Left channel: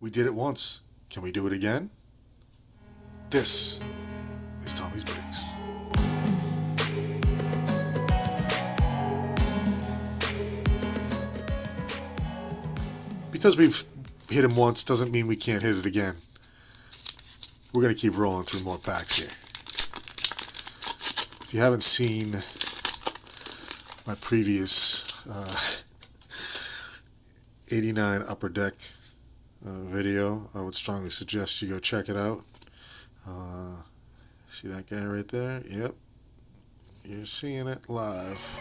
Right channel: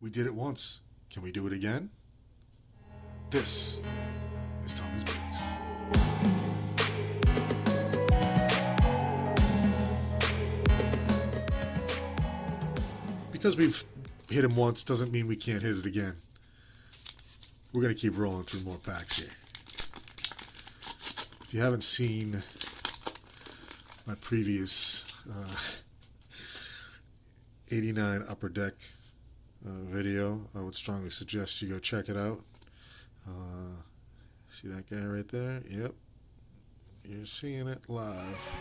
We did it once. Can we do it again? This is Tommy's Breaks. Because we've hit him once doesn't mean we can't hit it again. We're going to keep rolling through more packs here. If you haven't seen my previous 89 Upper Deck video, I would strongly suggest you go check it out. See that guy right there? Yep. You're seeing it live.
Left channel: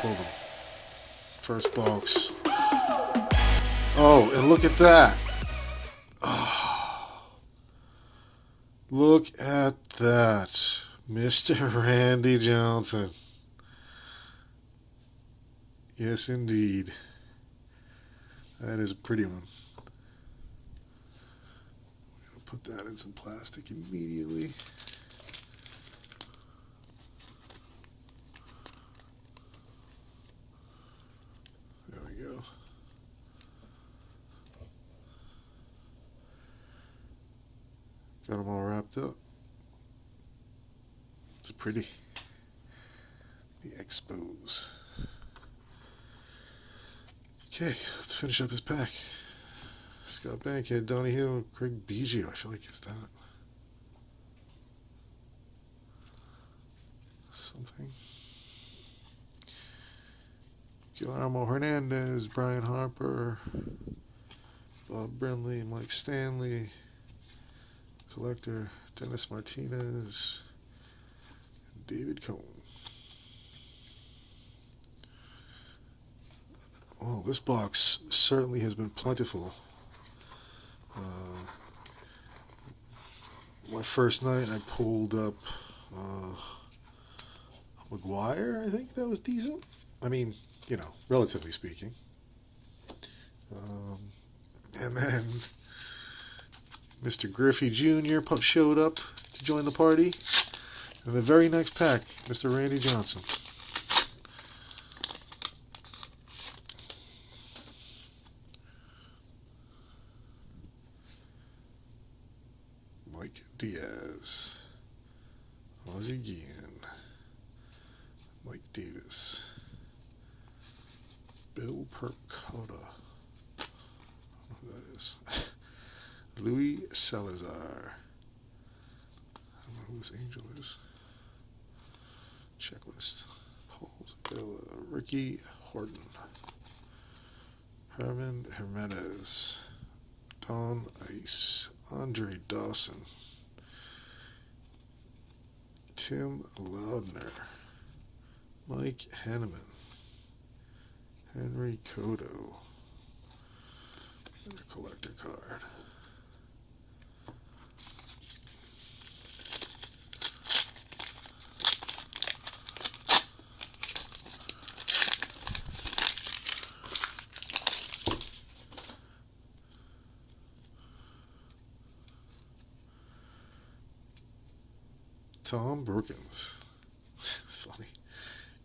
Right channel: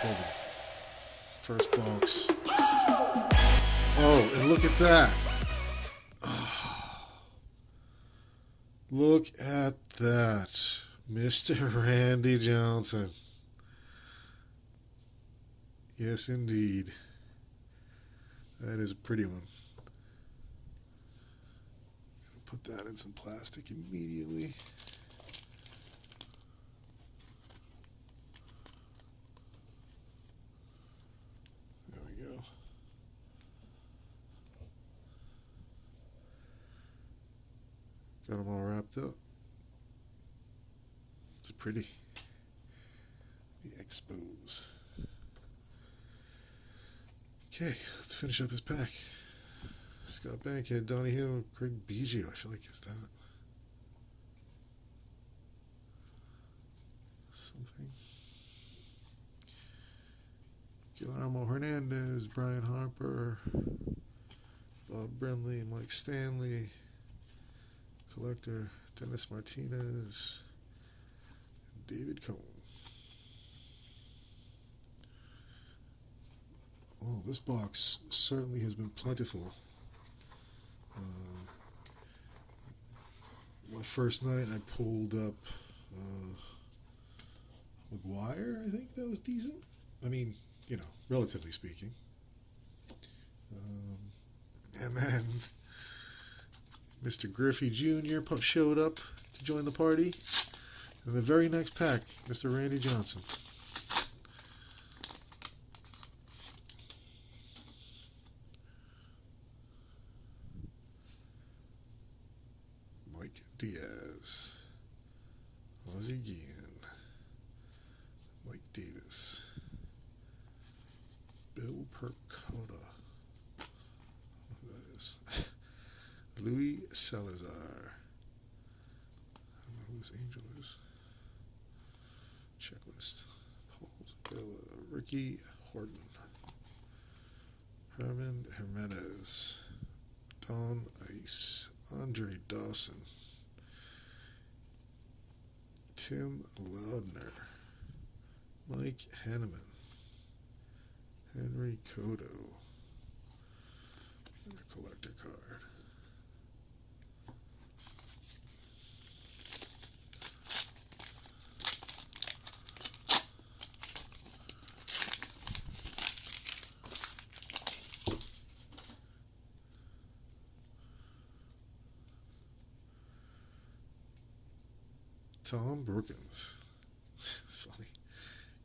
Pull the first box. Oh, and look at that. Oh, look at that. Mr. Randy Johnson. Yes, indeed. That is a pretty one. I'm going to put that in some plastic immediately. There we go. Got them all wrapped up. It's pretty. The Expos. Okay, let's finish up his pack. Scott Bankhead, Donnie Hill, Craig Biggio. I feel like it's that. Something. Guillermo Hernandez, Brian Harper, Bob Brenly, Mike Stanley, Collector, Dennis Martinez, and David Cohn. Oh, this box certainly has been plentiful. My first night I pulled up a McGuire. I think that was decent. I mean, you know, relatively speaking. And then Mr. Griffey Jr. showed up to join the party. And the very next pack, Mr. Randy Johnson. Mike Diaz, Ozzie Guillen, Mike Davis, Bill Percotta, I don't know who that is, Louis Salazar, I don't know who this angel is, checklist, Paul Villa, Ricky Horton, Herman Jimenez, Don Ice, Andre Dawson, Tim Loudner, Mike Hanneman, Henry Cotto, and a collector card. Tom Brookins. It's funny.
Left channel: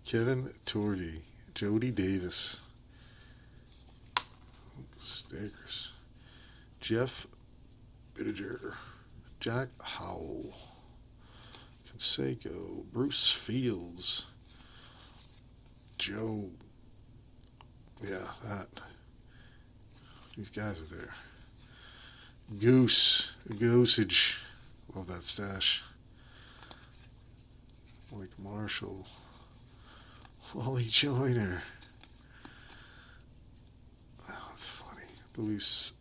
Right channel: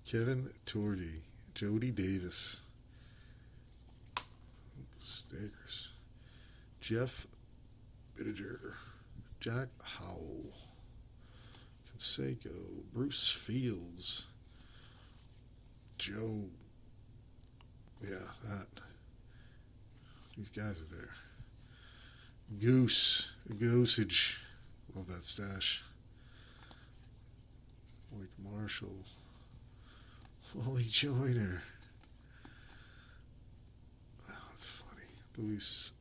Kevin Torvey. Jody Davis. Stakers. Jeff Bittiger. Jack Howell. Canseco. Bruce Fields. Joe. Yeah, that. These guys are there. Goosage. Love that stash. Mike Marshall, Wally Joyner. Oh, that's funny. Luis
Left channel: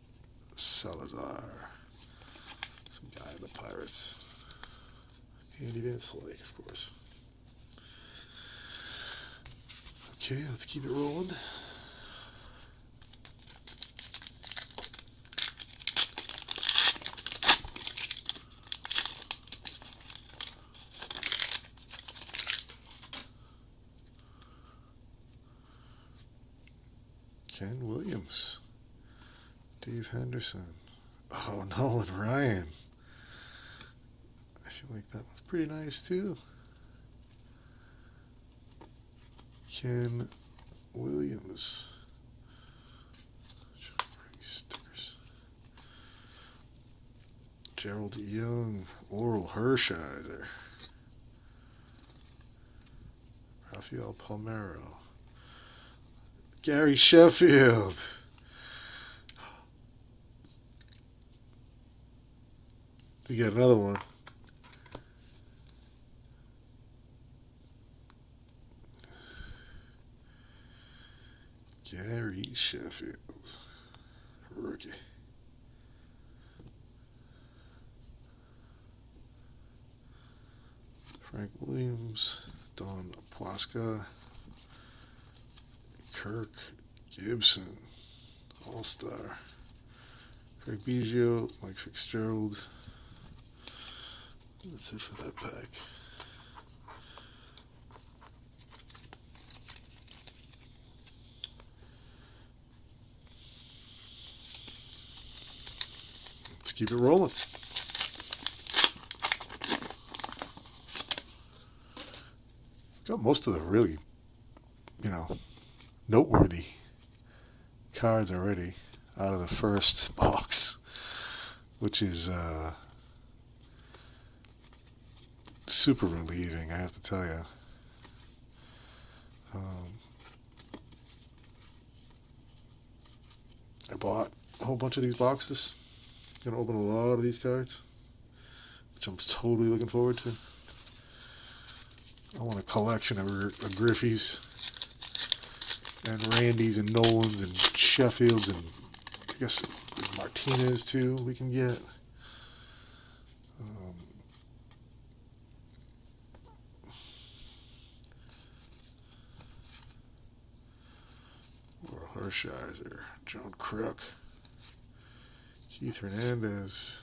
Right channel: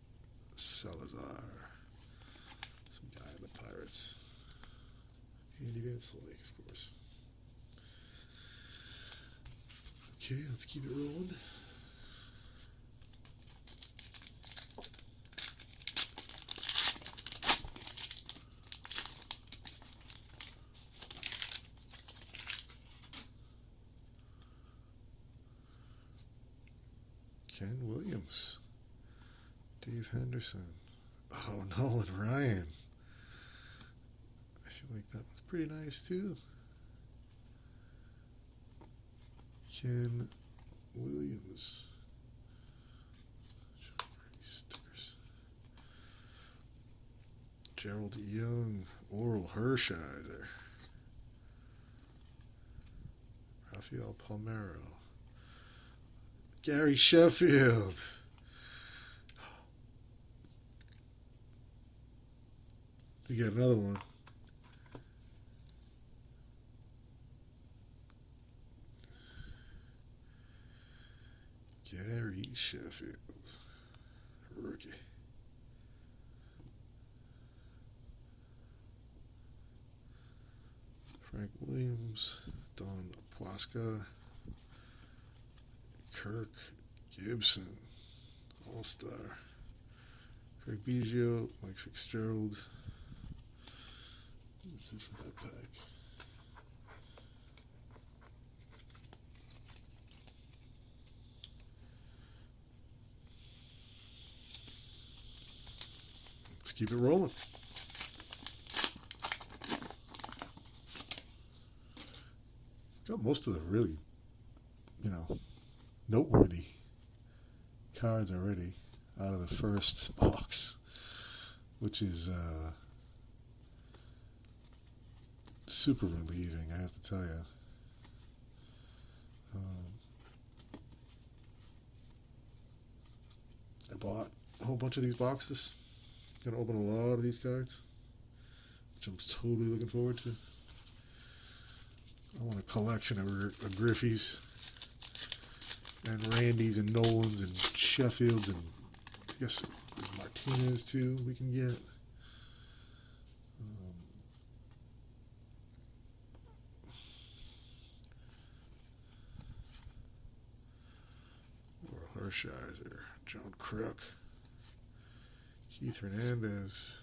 Salazar. Some guy in the Pirates. Andy Van Slyke, of course. Okay, let's keep it rolling. Ken Williams, Dave Henderson, oh, Nolan Ryan. I feel like that one's pretty nice too. Ken Williams. Gerald Young, Oral Hershiser, Rafael Palmeiro, Gary Sheffield. We got another one. Gary Sheffield, rookie. Frank Williams, Don Pwaska, Kirk Gibson, All-Star, Craig Biggio, Mike Fitzgerald. That's it for that pack. Let's keep it rolling. Got most of the really, noteworthy cards already out of the first box, which is super relieving, I have to tell you. I bought a whole bunch of these boxes. Gonna open a lot of these cards, which I'm totally looking forward to. I want a collection of Griffeys and Randys and Nolans and Sheffields and I guess Martinez too we can get. Laurel Hershiser, John Kruk, Keith Hernandez,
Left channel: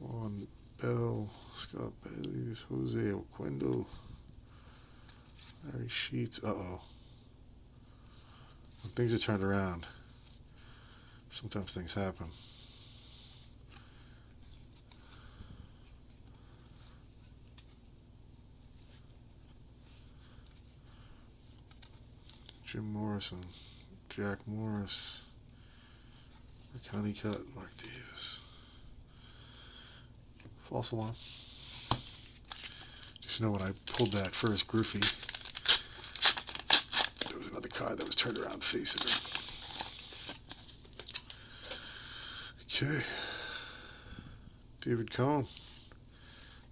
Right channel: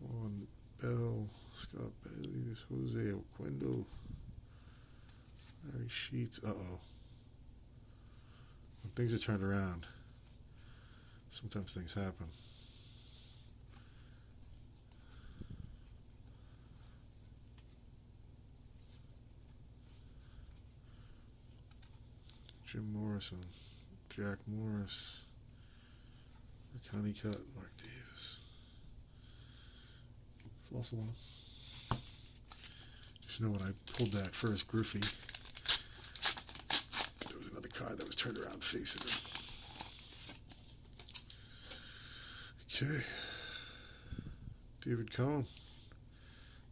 Juan Bell, Scott Bailey, Jose Oquendo, Larry Sheets. Uh-oh. When things are turned around, sometimes things happen. Jim Morrison, Jack Morris, Connie Cut, Mark Davis. False alarm. Just know when I pulled that first Griffey, there was another card that was turned around facing him. Okay. David Cohn,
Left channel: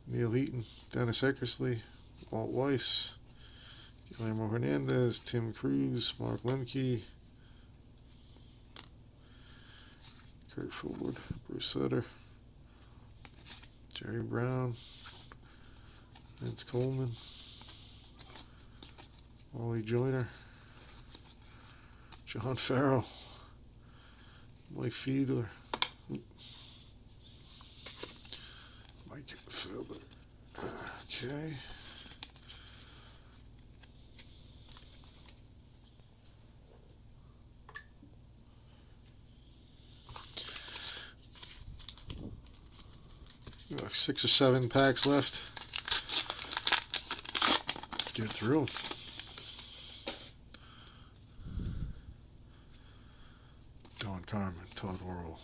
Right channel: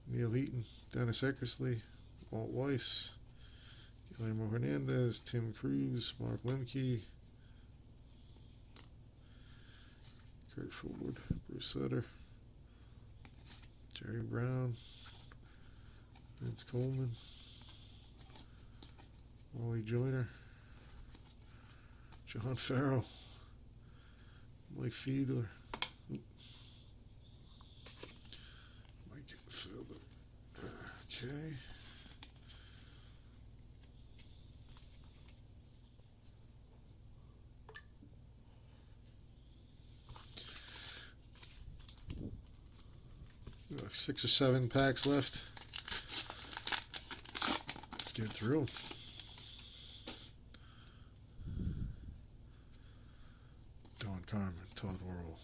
Neil Heaton, Dennis Eckersley, Walt Weiss, Guillermo Hernandez, Tim Cruz, Mark Lemke, Kurt Ford, Bruce Sutter, Jerry Brown, Vince Coleman, Wally Joyner, John Farrell, Mike Fiedler, Mike Fiedler. Okay. Like 6 or 7 packs left. Let's get through them. Don Carmen, Todd Worrell,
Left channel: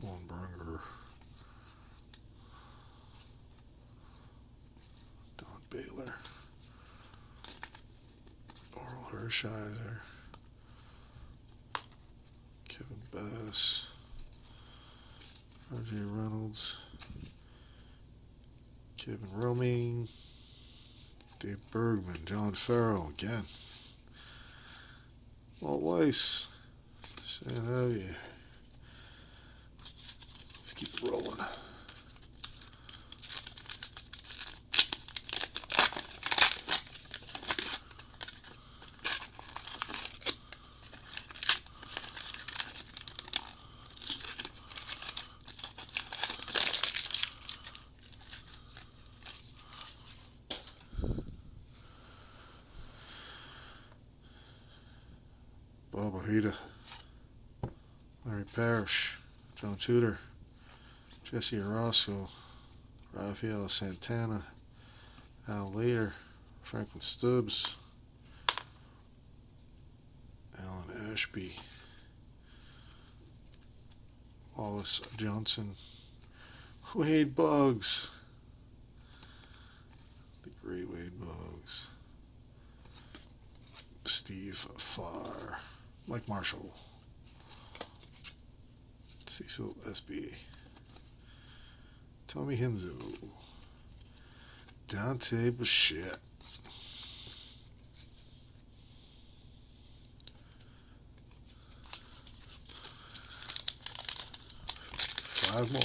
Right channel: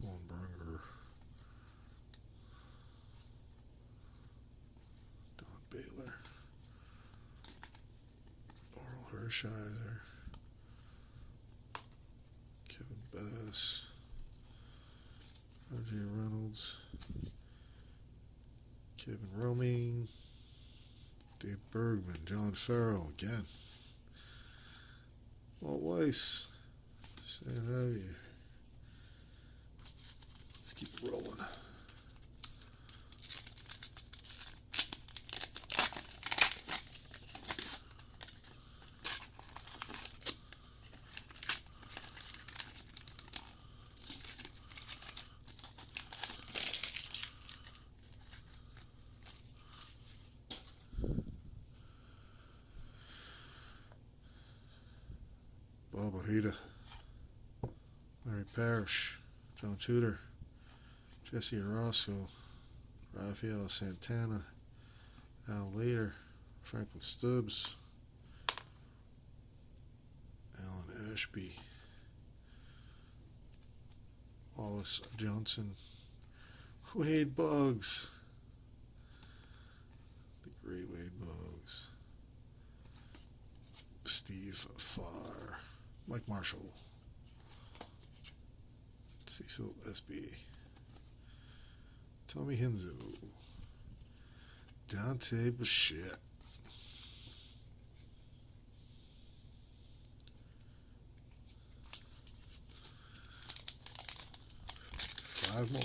Juan Berger, Don Baylor, Oral Hershiser, Kevin Bass, R.J. Reynolds, Kevin Romaine, Dave Bergman, John Farrell again, Walt Weiss, San Javier. Let's keep it rolling. Bob Ojeda, Larry Parrish, John Tudor, Jesse Orozco, Rafael Santana, Al Lader, Franklin Stubbs, Alan Ashby, Wallace Johnson, Wade Boggs. The great Wade Boggs. Steve Farr. Mike Marshall. Cecil SB. Tommy Henzo. Dante Bichette. Five more.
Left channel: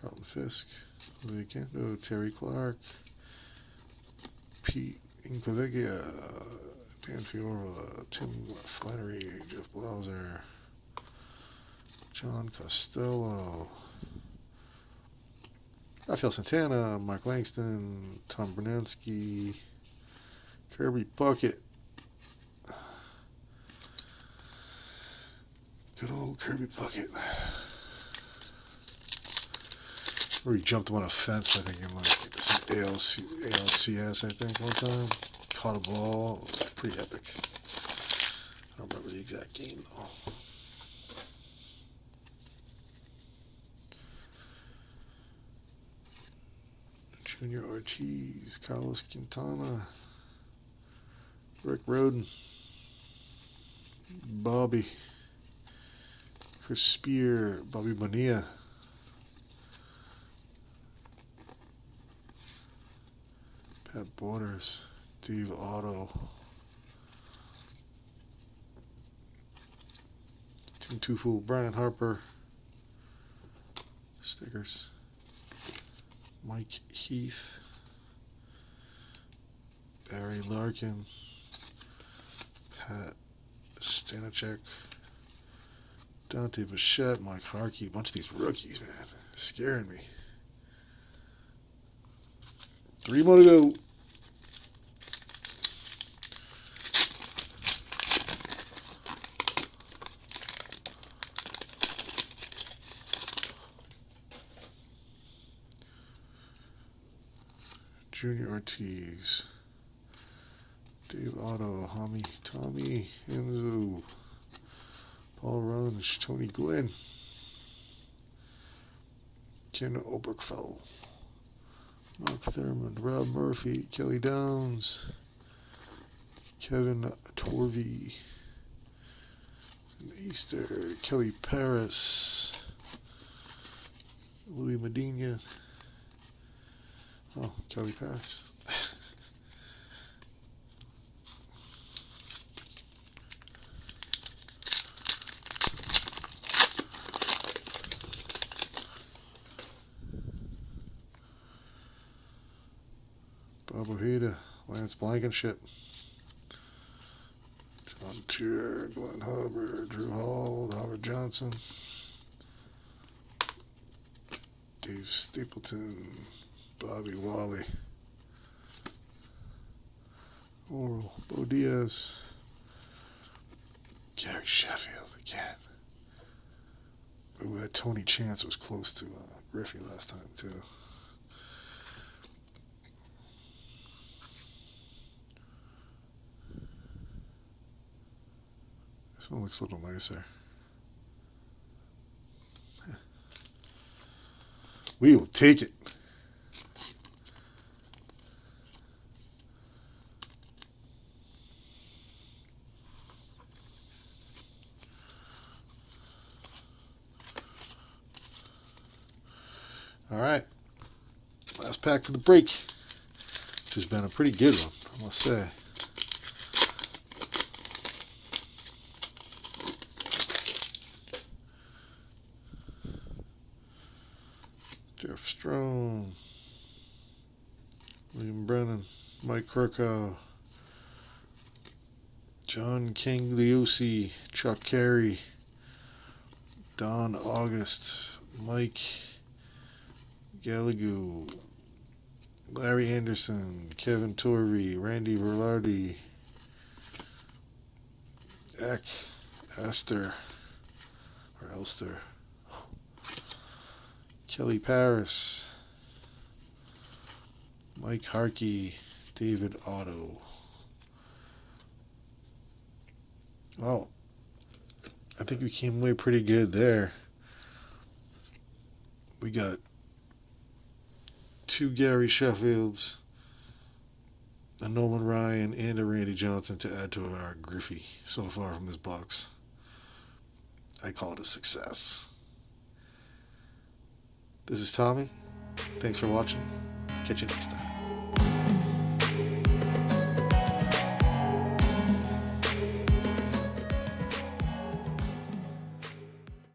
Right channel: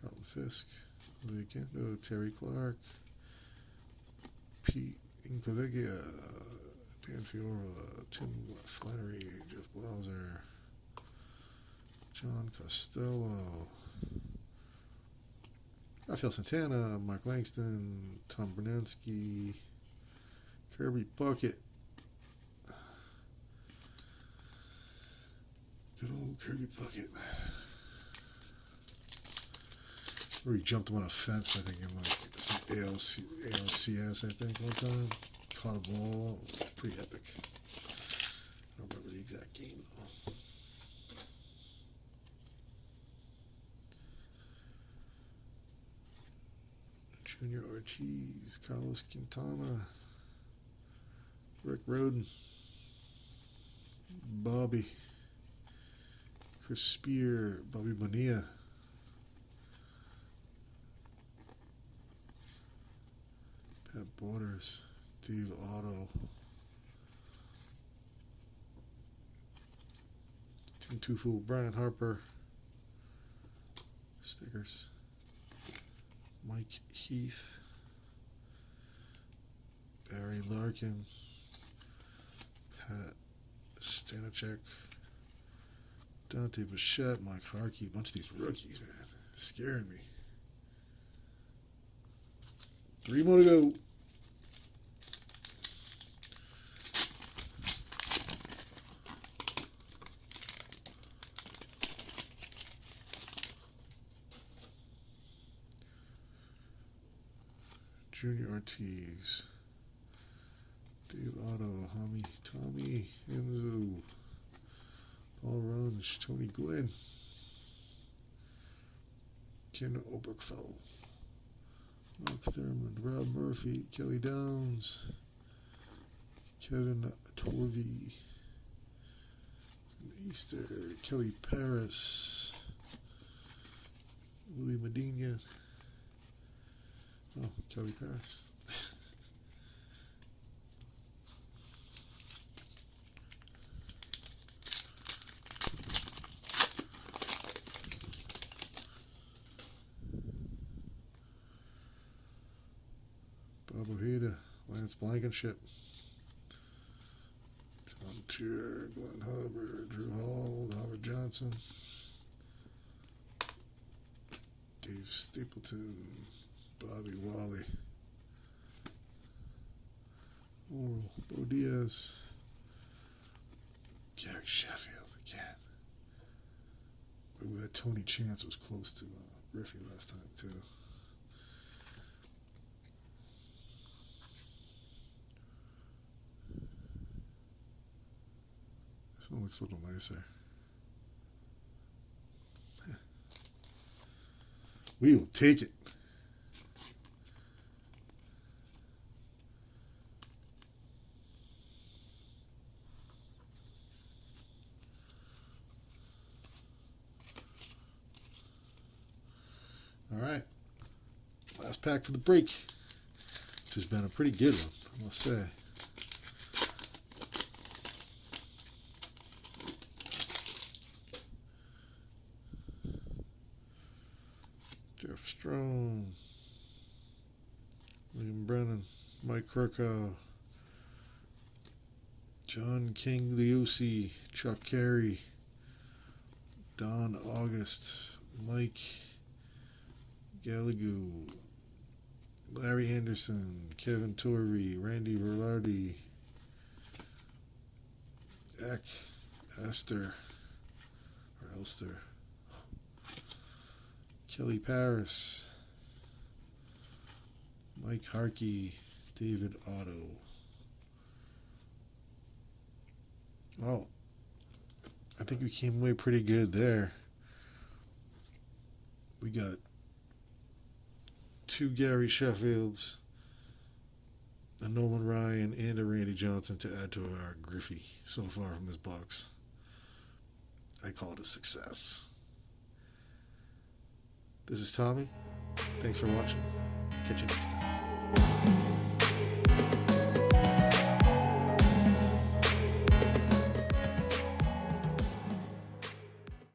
Carlton Fisk. Vicendo. Terry Clark. Pete Inclavecchia. Dan Fiora. Tim Flannery. Jeff Blauser. John Costello. Rafael Santana. Mark Langston. Tom Bernanski. Kirby Puckett. Good old Kirby Puckett. Where he jumped him on a fence, I think, in like some ALCS, I think, one time. Caught a ball. It was pretty epic. I don't remember the exact game, though. Junior Ortiz. Carlos Quintana. Rick Roden. Bobby. Chris Spear. Bobby Bonilla. Pat Borders. Steve Otto. Tim Tufel. Brian Harper. Stickers. Mike Heath. Barry Larkin. Pat Stanachek. Dante Bichette. Mike Harkey. A bunch of these rookies, man. Scaring me. 3 more to go. Junior Ortiz. Dave Otto. Tommy Enzo. Paul Runge. Tony Gwynn. Ken Oberkfell. Mark Thurman. Rob Murphy. Kelly Downs. Kevin Torvey. Easter. Kelly Paris. Louis Medina. Oh, Kelly Paris. Bob Ojeda, Lance Blankenship, John Tier, Glenn Hubbard, Drew Hall, Howard Johnson, Dave Stapleton, Bobby Wally, Oral, Bo Diaz, Gary Sheffield again. Ooh, that Tony Chance was close to Griffey last time too. This one looks a little nicer. We will take it. All right. Last pack for the break. Which has been a pretty good one, I must say. Jeff Strome, William Brennan, Mike Kirkhoff, John King Liusi, Chuck Carey, Don August, Mike Gallagher, Larry Anderson, Kevin Torvey, Randy Verlardi, Elster, Kelly Paris, Mike Harkey, David Otto, Well, I think we came away pretty good there. We got 2 Gary Sheffields, a Nolan Ryan, and a Randy Johnson to add to our Griffey so far from this box. I call it a success. This is Tommy. Thanks for watching. Catch you next time.